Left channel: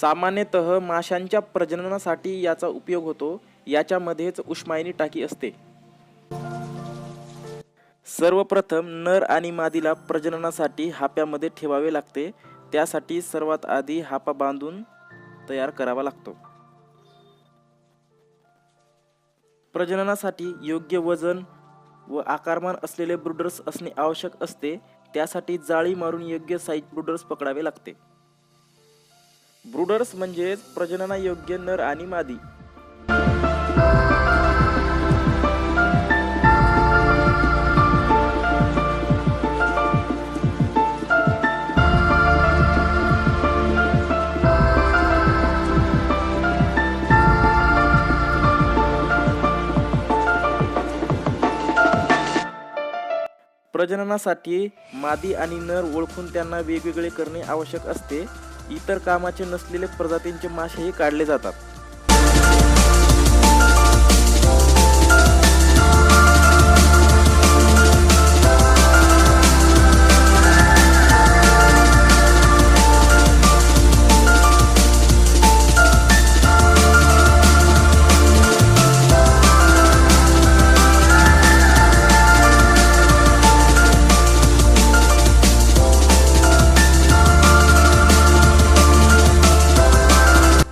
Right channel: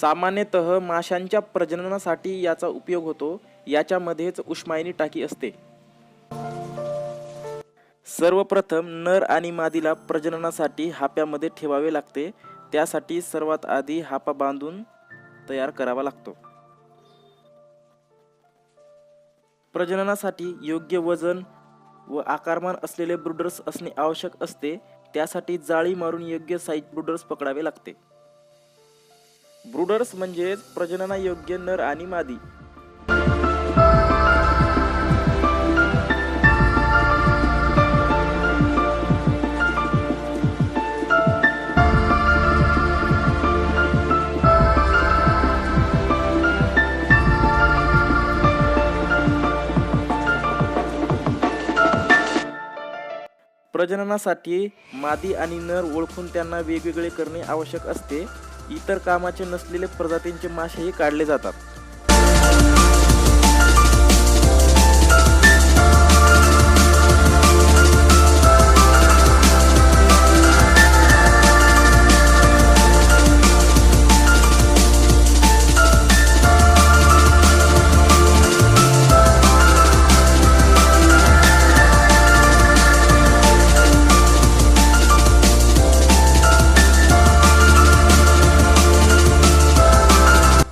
सामान्यतः माशांच्या प्रजननासाठी याचा उपयोग होतो. याच्यामध्येच उष्मायनी टाकी असते. सर्वप्रथम नर आणि मादीला प्रजननासाठी हाप्यामध्ये ठेवावे लागते. त्यासाठी सर्वात आधी हापा बांधून तयार करावा लागतो. प्रजननासाठी योग्य वजन व आकारमान असलेले ब्रूडर्स असणे आवश्यक असते. त्यासाठी जाळी मारून योग्य साईज ब्रूडर्स पकडावे लागते. ब्रूडर्स म्हणजेच प्रजननायोग्य नर आणि मादी. प्रजननासाठी मादी आणि नर ओळखून त्यांना वेगवेगळे करणे आवश्यक असते. इतर कामाचे नसलेले प्रजातींचे मासेही काढले जातात.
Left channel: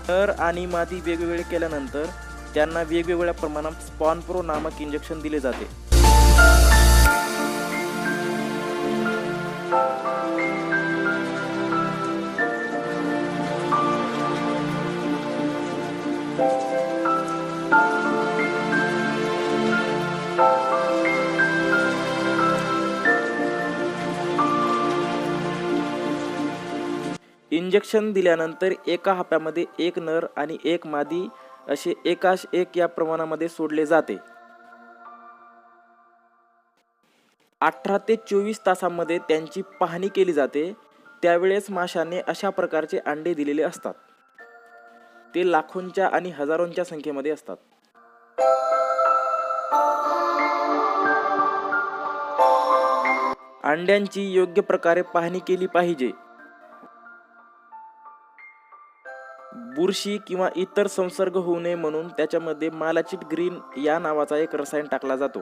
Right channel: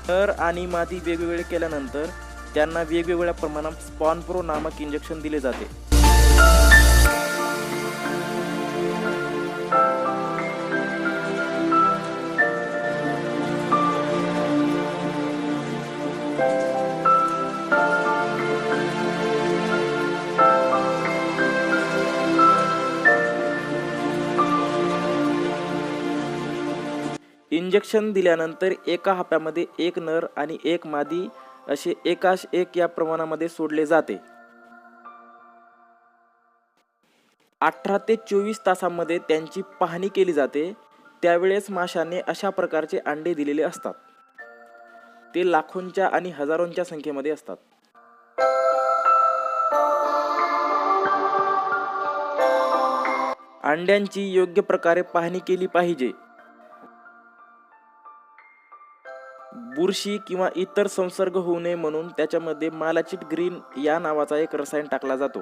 नर आणि मादी वेगवेगळे केल्यानंतर त्यांना वेगवेगळ्या प्रमाणात स्पॉन-प्रो नामक इंजेक्शन दिले जाते. इंजेक्शन दिल्यानंतर एका हाप्यामध्ये एक नर आणि एक मादी असे एकास एक या प्रमाणामध्ये सोडले जाते. 18 ते 24 तासांमध्ये त्यांची पाहणी केली जाते. त्यावेळेस माशाने अशा प्रकारचे अंडे दिलेले असतात. ते लाखोंच्या आणि हजारोंच्या संख्येमध्ये असतात. अंड्यांची योग्य प्रकारे पाहणी केली पाहिजे. बुरशी किंवा इतर संसर्ग होऊ नये म्हणून त्याच्यामध्ये मालाचिट ग्रीन या नावाचा एक रसायन टाकला जातो.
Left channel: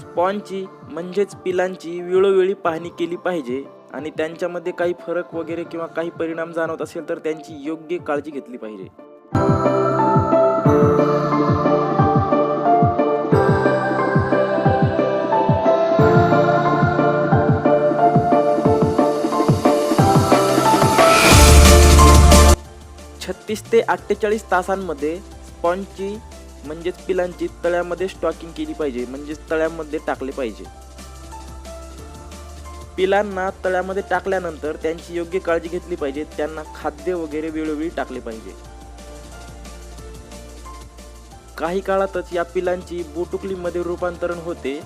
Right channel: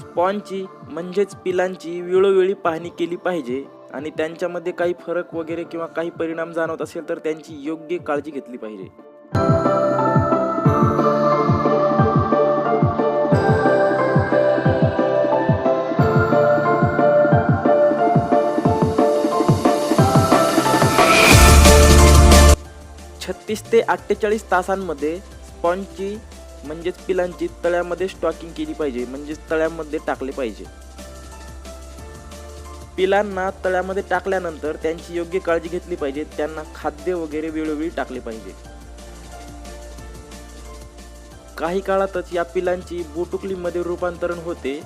स्पॉनची म्हणजेच पिलांची वेळोवेळी पाहणी केली पाहिजे आणि त्यांच्यामध्ये काही फरक वगैरे किंवा काही परिणाम जाणवत असेल तर त्यांची योग्य काळजी घेतली पाहिजे. तीस ते 48 तासांमध्ये स्पॉनची म्हणजेच पिलांची तळ्यामध्ये स्टॉकिंग केली पाहिजे, म्हणजेच तळ्यामध्ये टाकले पाहिजे. पिलांना तळ्यामध्ये टाकल्यानंतर त्यांची योग्य काळजी घेतली पाहिजे. त्यांना खाद्य वगैरे वेळोवेळी टाकले पाहिजे. काही काळातच या पिलांची बोटुकलीमध्ये रूपांतरण होते.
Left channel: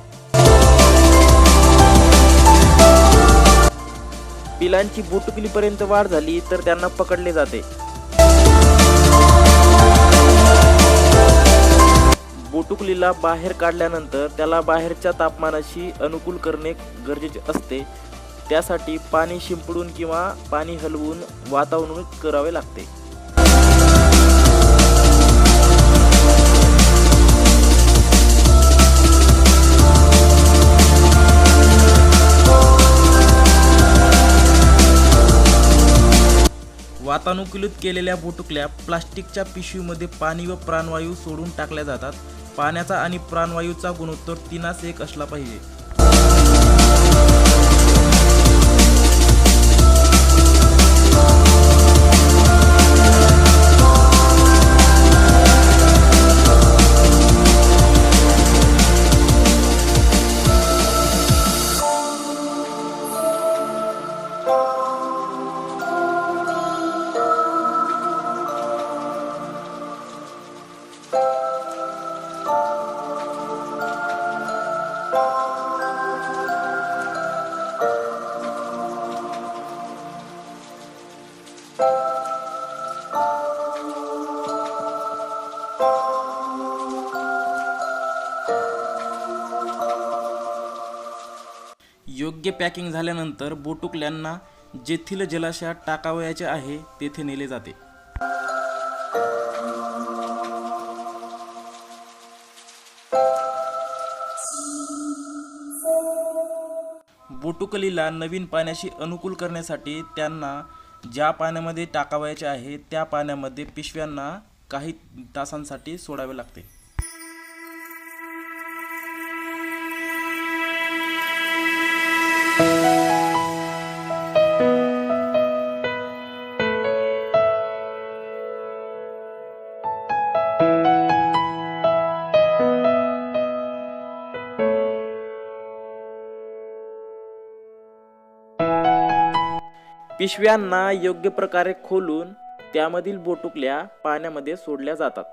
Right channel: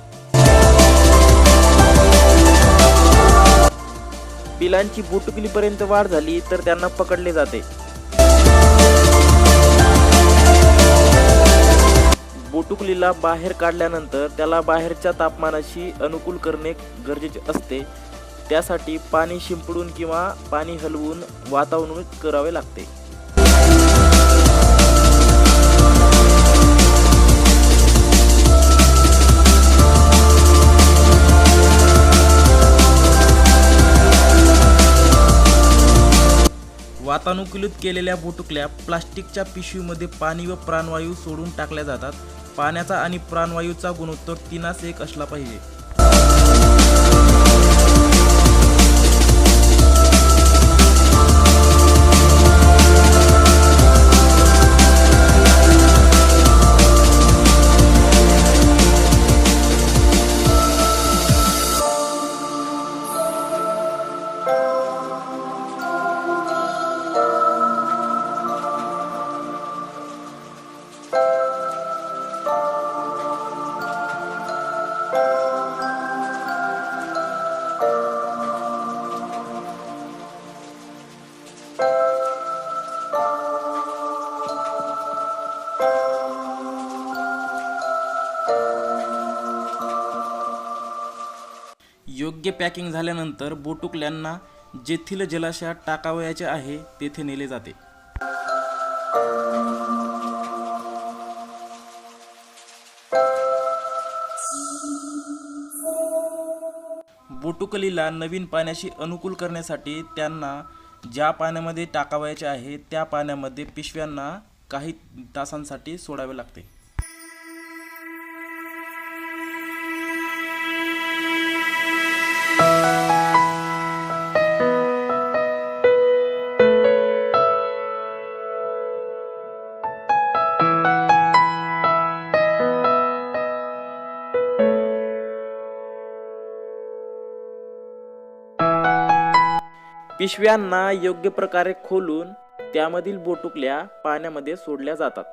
पिलांची बोटुकलीपर्यंत वाढ झाली तर त्यांना पकडले जाते. बोटुकलीला बाहेर काढल्यानंतर त्याला बाहेरच्या तापमानाशी अनुकूल करणे गरजेचे असते. त्यासाठी पाणी शिंपडून किंवा पाणी हलवून वातावरणात करावे लागते. वातानुकूलित केलेल्या बोटुकल्या प्लास्टिकच्या पिशवीमध्ये पाणी व प्राणवायू सोडून टाकल्या जातात. पाण्याचा आणि प्राणवायूचा गुणोत्तर 3:1 असला पाहिजे. योग्य पॅकिंग झाल्यानंतर बोटुकल्यांना जेथील जलाशयात टाकावयाचे आहे तेथे नेले जाते. बोटुकलीला नवीन पाण्याशी अनुकूल करण्यासाठी त्यांना ज्या पाण्यामध्ये टाकावयाचे आहे त्या पाण्यामध्ये पिशव्यांना काही तासांसाठी सोडावे लागते. पिशव्यांना योग्य प्रकारे खोलून त्यामधील बोटुकल्या पाण्यामध्ये सोडल्या जातात.